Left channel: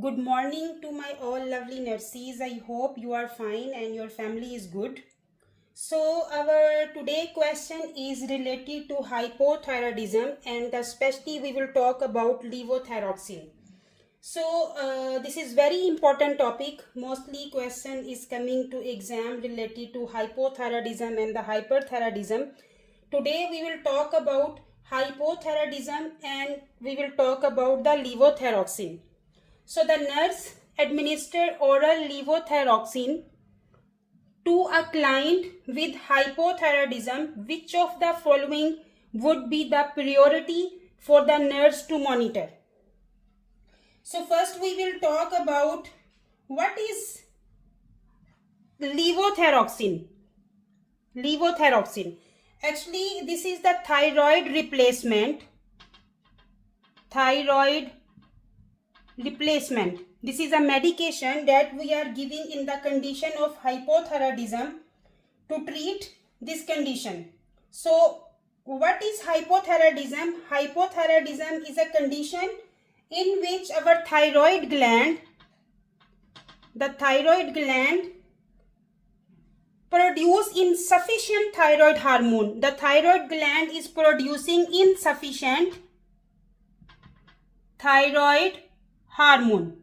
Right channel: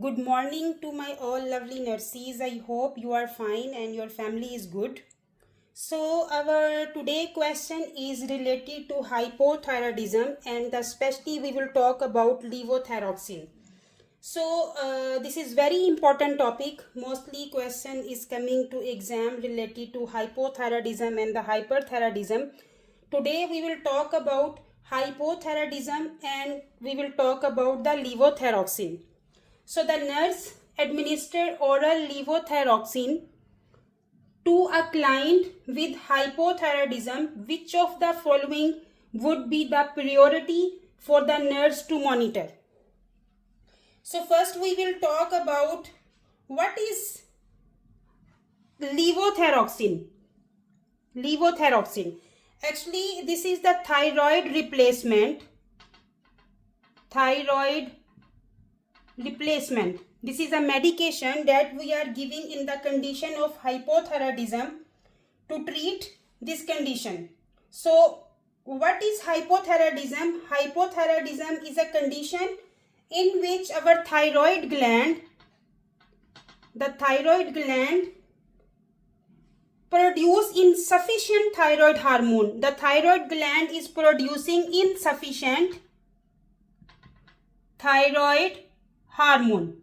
Good morning to my all lovely nurses. I hope you are fine and your family is good. So our today question is related to hypothyroidism, and especially we will talk about levothyroxine. So this is very important topic. Mostly question is coming to exam related to hypothyroidism and the hyperthyroidism. Today we will talk about hypothyroidism and we will talk about the levothyroxine. So the nurse administered oral levothyroxine to a client with hypothyroidism. Which of the following would be the priority for the nurse to monitor? So first we will talk about what is levothyroxine. Levothyroxine. Actually, this is the thyroid replacement. Thyroid replacement. This is a medication that we are giving in the condition of hypothyroidism to treat this condition. So what is hypothyroidism? Hypothyroidism is a condition in which our thyroid gland, the thyroid gland produce insufficient thyroid hormone. The thyroid gland is producing insufficient thyroid hormone.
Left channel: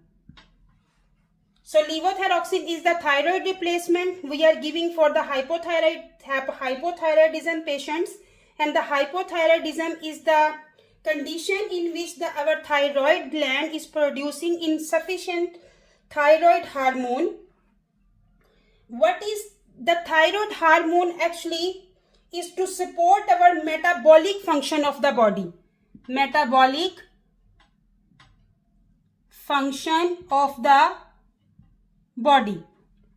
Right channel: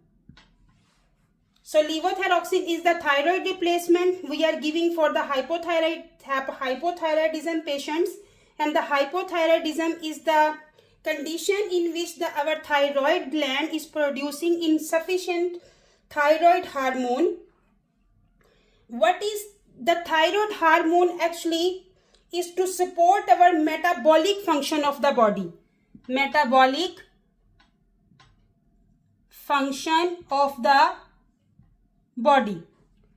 So levothyroxine is the thyroid replacement we are giving for the hypothyroidism patients, and the hypothyroidism is the condition in which our thyroid gland is producing insufficient thyroid hormone. What is the thyroid hormone? Actually is to support our metabolic function of the body. Metabolic function of the body.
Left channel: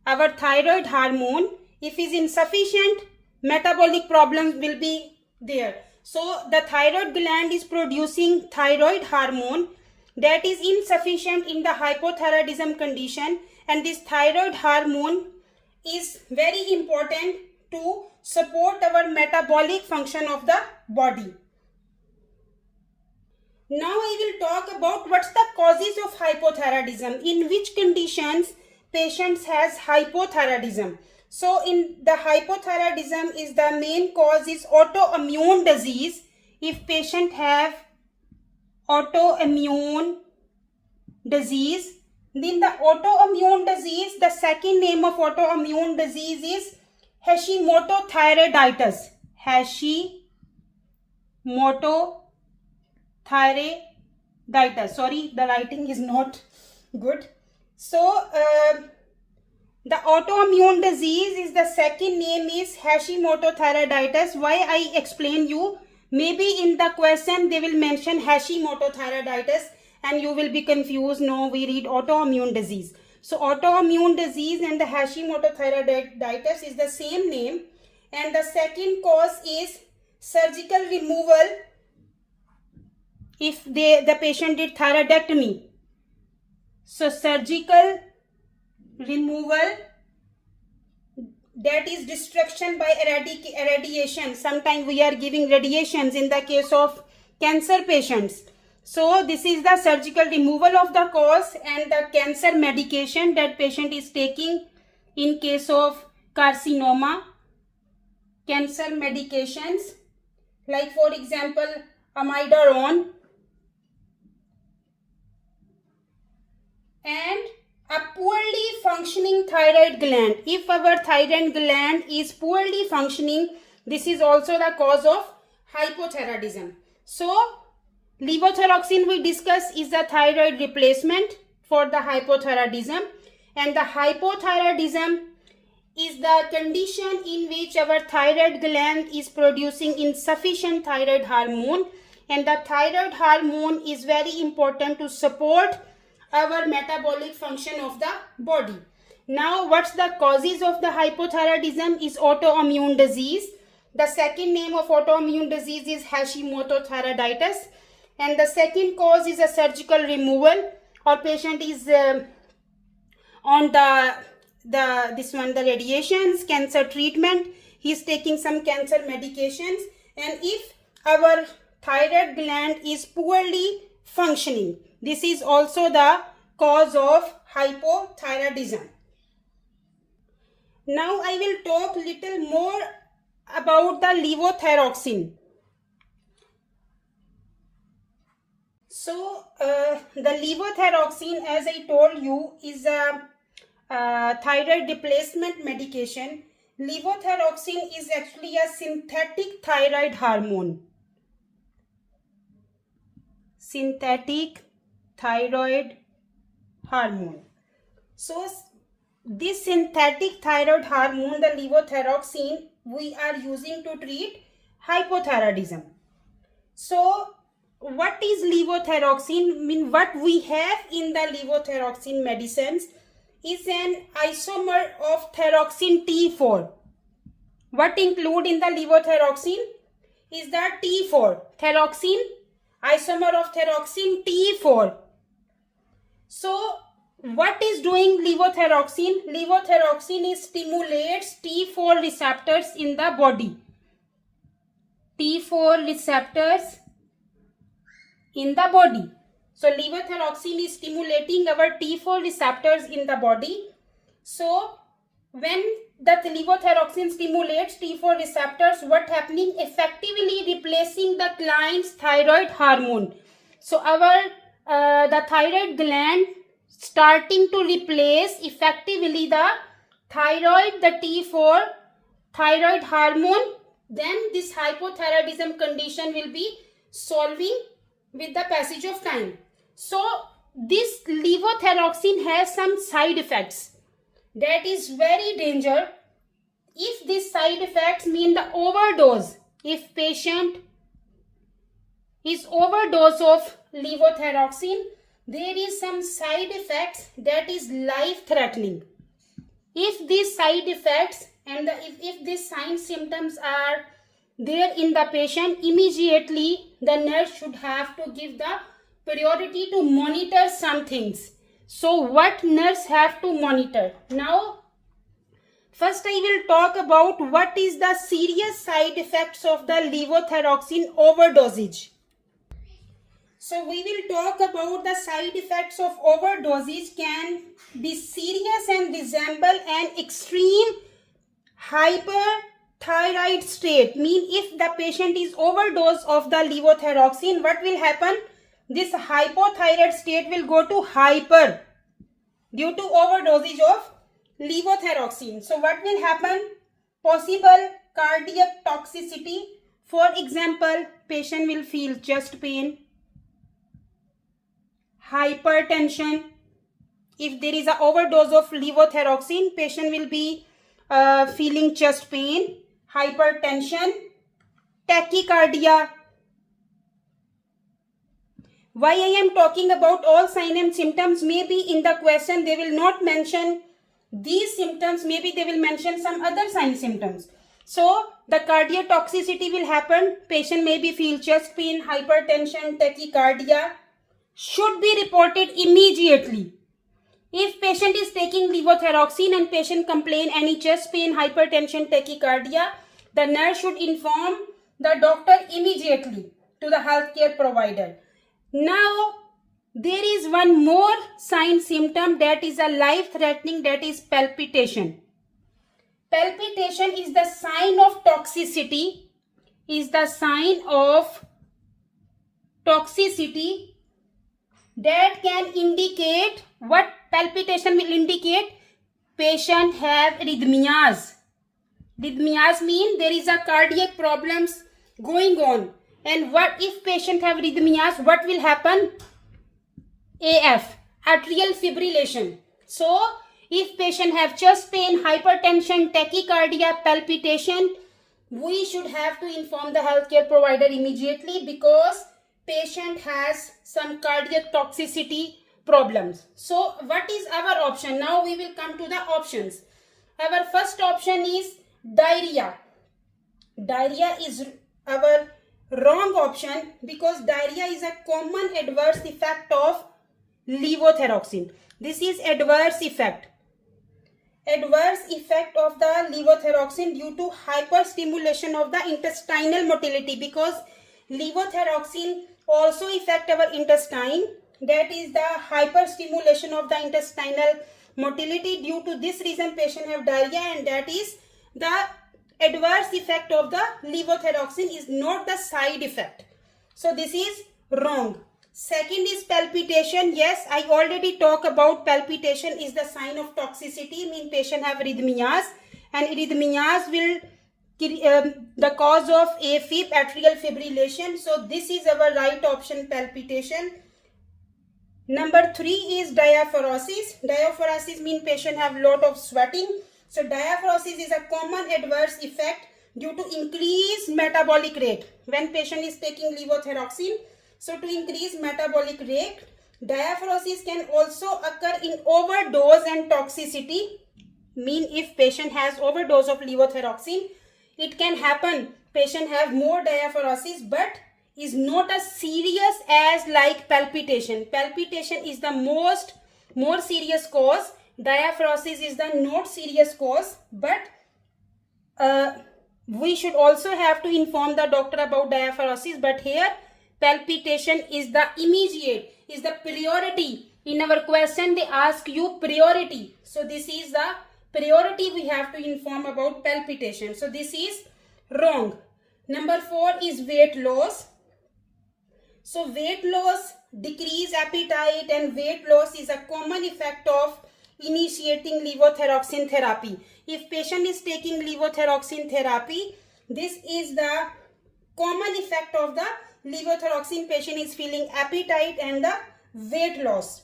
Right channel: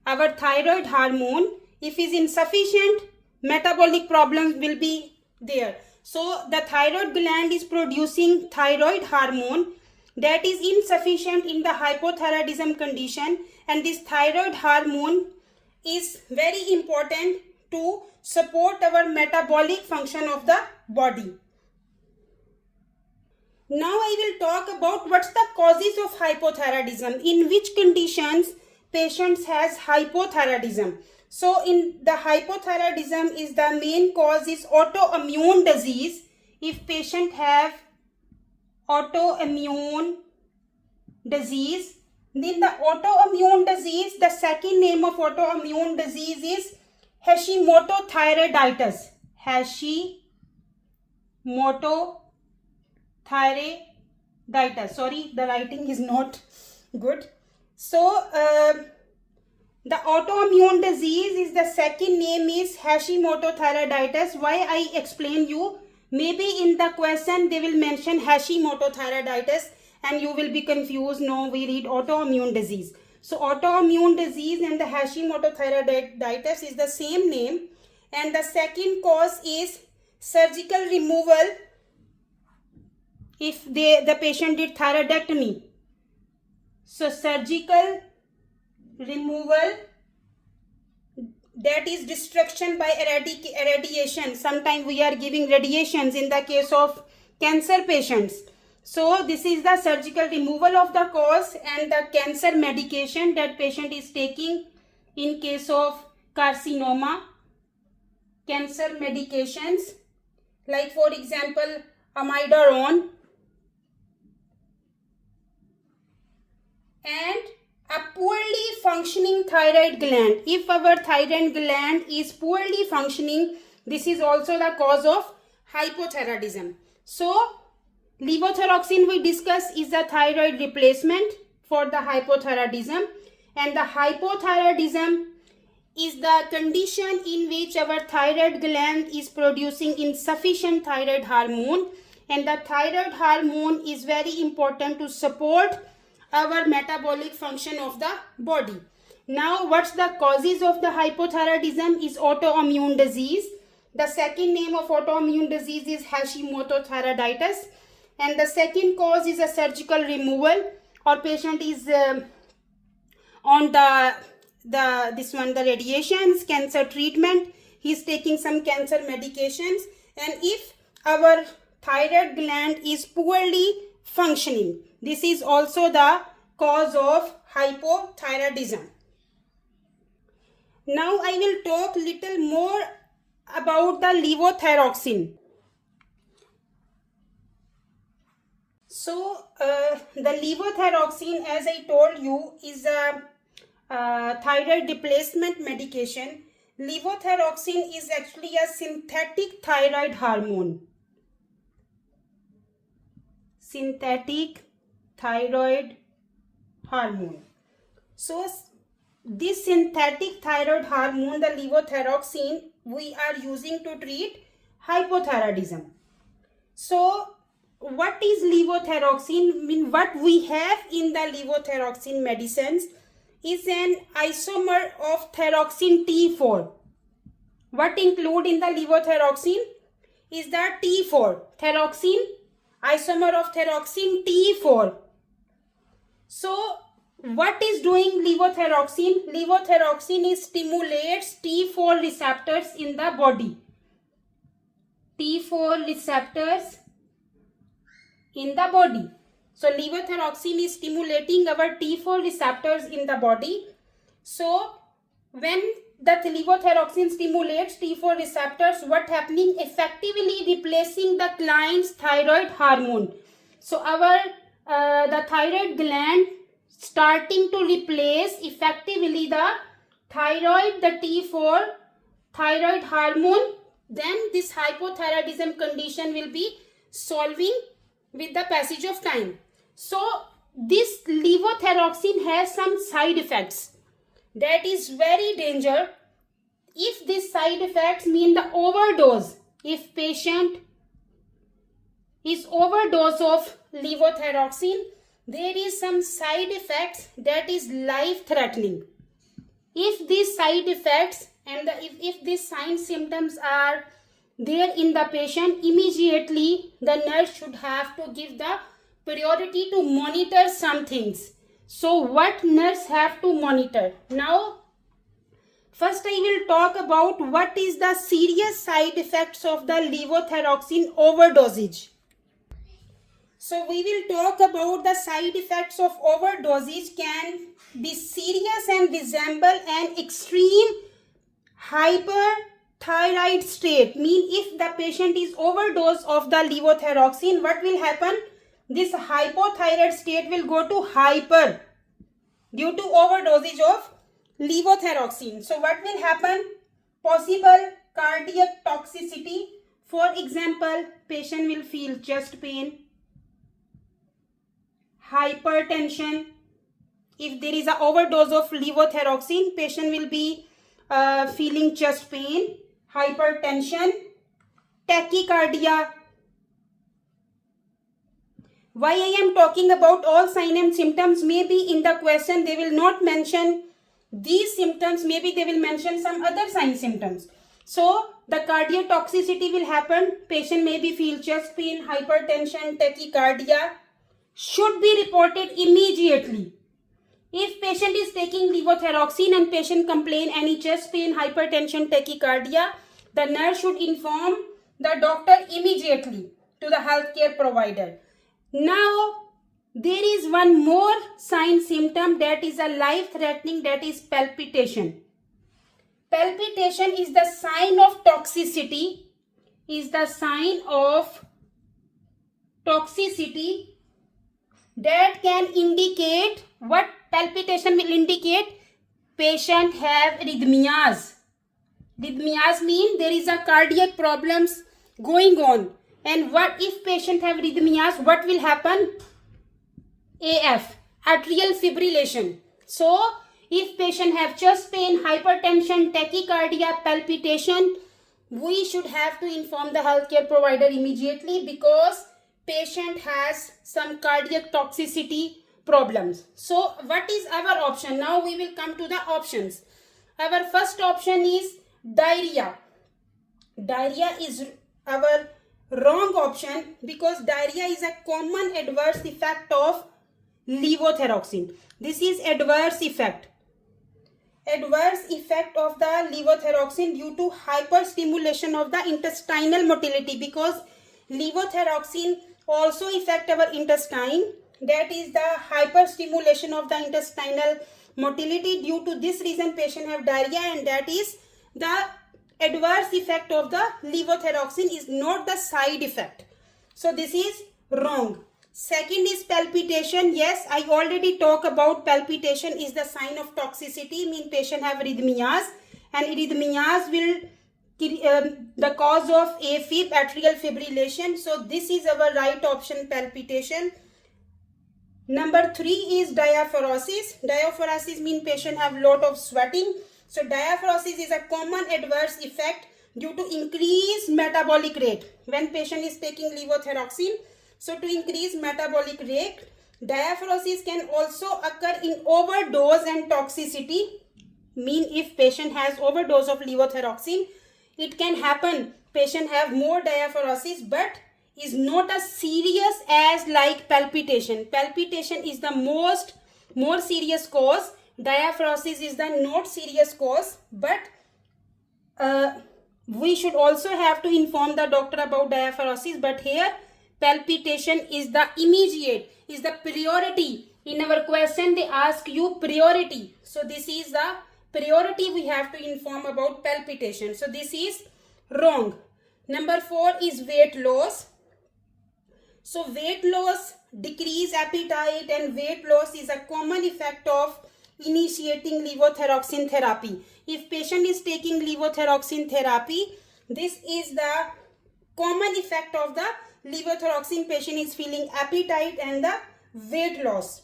Our thyroid hormone, if is insufficient, metabolic problems will be there. So the thyroid gland is producing thyroid hormone that is insufficient in the hypothyroidism condition, and this thyroid hormone is very important to support our metabolic function of the body. Now I will talk about what's the causes of hypothyroidism, in which conditions patients has hypothyroidism. So in the hypothyroidism is the main cause is autoimmune disease. If patient have autoimmune disease, then the autoimmune disease, the second name of autoimmune disease is Hashimoto thyroiditis. Hashimoto thyroiditis. Sorry, the writing is not good. So the autoimmune disease is the second name is Hashimoto thyroiditis. Why I explain you? Maybe in the question they will mention Hashimoto thyroiditis and you will be confused. No, we read autoimmune disease. So autoimmune disease and the Hashimoto thyroiditis is the same name, and the second cause is surgical removal. If the patient did thyroidectomy, so surgical removal, that is destruction by irradiation. Sometimes we are giving radiations in the case of cancer patients. So this is the surgical removal of the cause, and the cancer medication that patient is taking in case of carcinoma. Cancer medications like for example amiodarone, and a poorly functioning thyroid gland. If our thyroid gland is poorly functioning, this is also the cause of hypothyroidism. So levothyroxine we discuss is the thyroid replacement for the hypothyroidism, and the hypothyroidism is the condition in which our thyroid gland is producing insufficient thyroid hormone, and the thyroid hormone is very important to support our metabolic function of the body. Now what's the causes of the hypothyroidism is autoimmune disease. The second name of autoimmune disease is Hashimoto thyroiditis, and the second cause is a surgical removal, or patient is on the radiations, cancer treatment, he's taking some cancer medications, and if our thyroid gland is poorly functioning, this is also the cause of hypothyroidism. Now I will talk little more about the levothyroxine. So the levothyroxine, as I told you, is a thyroid replacement medication. Levothyroxine is actually a synthetic thyroid hormone. Synthetic thyroid hormone. So this synthetic thyroid hormone, the levothyroxine, we are using to treat hypothyroidism. So what is levothyroxine? What we have in the levothyroxine medicines is an isomer of thyroxine T4. What include in the levothyroxine is the T4, thyroxine, isomer of thyroxine T4. So what is doing levothyroxine? Levothyroxine stimulates T4 receptors in the body. T4 receptors in the body. So levothyroxine is stimulating our T4 receptors in the body. So when the levothyroxine stimulates T4 receptors, what happening? Effectively replacing the client's thyroid hormone. So our the thyroid gland starting to replace effectively the thyroid, the T4 thyroid hormone. Then this hypothyroidism condition will be solving with the passage of time. So this levothyroxine has some side effects that is very dangerous. If these side effects mean the overdose, if patient is overdose of levothyroxine, there is some side effects that is life threatening. If these side effects and if these signs symptoms are there in the patient, immediately the nurse should have to give the priority to monitor some things. So what nurse have to monitor? Now first I will talk about what is the serious side effects of the levothyroxine overdosage. So we will talk about the side effects of overdosage can be serious and resemble an extreme hyperthyroid state. Mean if the patient is overdose of the levothyroxine, what will happen? This hypothyroid state will go to hyper due to overdosage of levothyroxine. So what will happen? Possible cardiac toxicity. For example, patient will feel chest pain, hypertension. If there is an overdose of levothyroxine, patient will be feeling chest pain, hypertension, tachycardia. Why I am talking about all signs and symptoms? Maybe in the question they will not mention these symptoms, maybe they will mention some other sign symptoms. So the cardiac toxicity will happen. Patient may be feel chest pain, hypertension, tachycardia. Should be reported immediately. If patient is taking levothyroxine and patient complain any chest pain, hypertension, tachycardia, the nurse should inform the doctor immediately to the healthcare provider. Now there is one more sign symptom that is a life threatening, that is palpitation. Palpitation is the sign of toxicity, that can indicate what? Palpitation will indicate patient have arrhythmias. Arrhythmias mean there is a cardiac problems going on. And what if patient have arrhythmias, what will happen? AF, atrial fibrillation. So if patient have chest pain, hypertension, tachycardia, palpitation, we should have to inform the healthcare provider immediately because patient has some cardiac toxicity problems. So what is our option? Now we will come to the options. Our first option is diarrhea. Diarrhea is our wrong option because diarrhea is a common adverse effect of levothyroxine. This is adverse effect. Adverse effect of the levothyroxine due to hyperstimulation of the intestinal motility, because levothyroxine also affect our intestine. that is the hyperstimulation of the intestinal motility. Due to this reason patient have diarrhea, and that is the adverse effect of the levothyroxine, is not the side effect. So this is wrong. Second is palpitation. Yes, I already talked about palpitation is the sign of toxicity, mean patient have arrhythmias, and arrhythmias will the cause of AFib, atrial fibrillation. So this is our right option, palpitation. Number 3 is diaphoresis. Diaphoresis means patient have lot of sweating. So diaphoresis is a common adverse effect due to increased metabolic rate when patient is taking levothyroxine. So to increase metabolic rate, diaphoresis can also occur in overdose and toxicity. Mean if patient has overdose of levothyroxine, it can happen patient have more diaphoresis, but is not as serious as like palpitation. Palpitation is the more serious cause. Diaphoresis is the not serious cause, but we should also have to inform the doctor about diaphoresis. But here palpitation is the immediate, is the priority. In our question they ask you priority, so this is the priority we have to inform about palpitation. So this is wrong. Number 4 is weight loss. So weight loss, decrease appetite, and weight loss is a common effect of initiating levothyroxine therapy. If patient is taking levothyroxine therapy, this is the common effect of the levothyroxine. Patient is feeling appetite and the weight loss.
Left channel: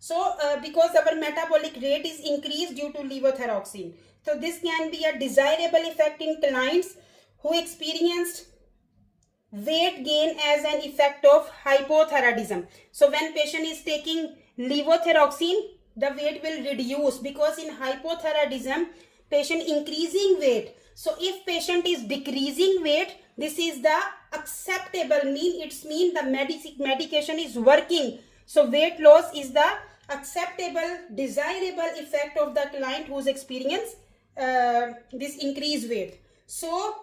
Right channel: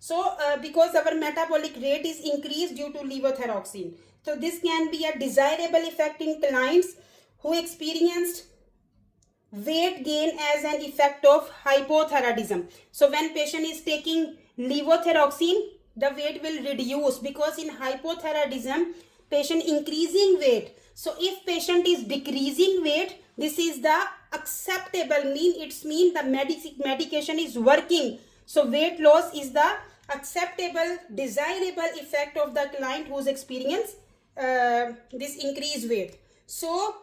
So because our metabolic rate is increased due to levothyroxine. So this can be a desirable effect in clients who experienced weight gain as an effect of hypothyroidism. So when patient is taking levothyroxine, the weight will reduce, because in hypothyroidism patient increasing weight. So if patient is decreasing weight, this is the acceptable, it's mean the medication is working. So weight loss is the acceptable, desirable effect of the client who's experienced this increased weight. So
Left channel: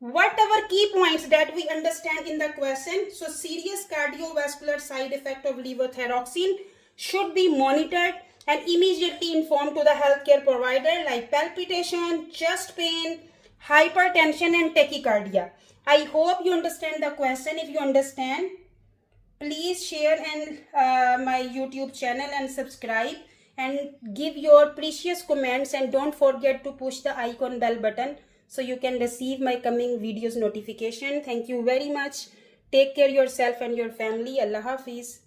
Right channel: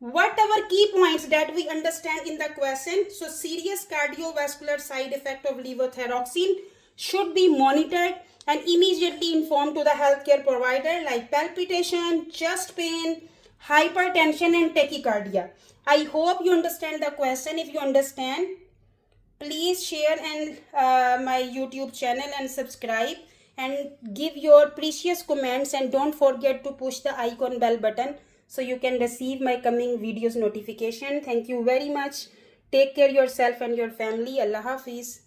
what are key points that we understand in the question? So serious cardiovascular side effect of levothyroxine should be monitored and immediately informed to the healthcare provider, like palpitation, chest pain, hypertension and tachycardia. I hope you understand the question. If you understand, please share and my YouTube channel and subscribe and give your precious comments, and don't forget to push the icon bell button so you can receive my coming videos notification. Thank you very much. Take care yourself and your family. Allah Hafiz.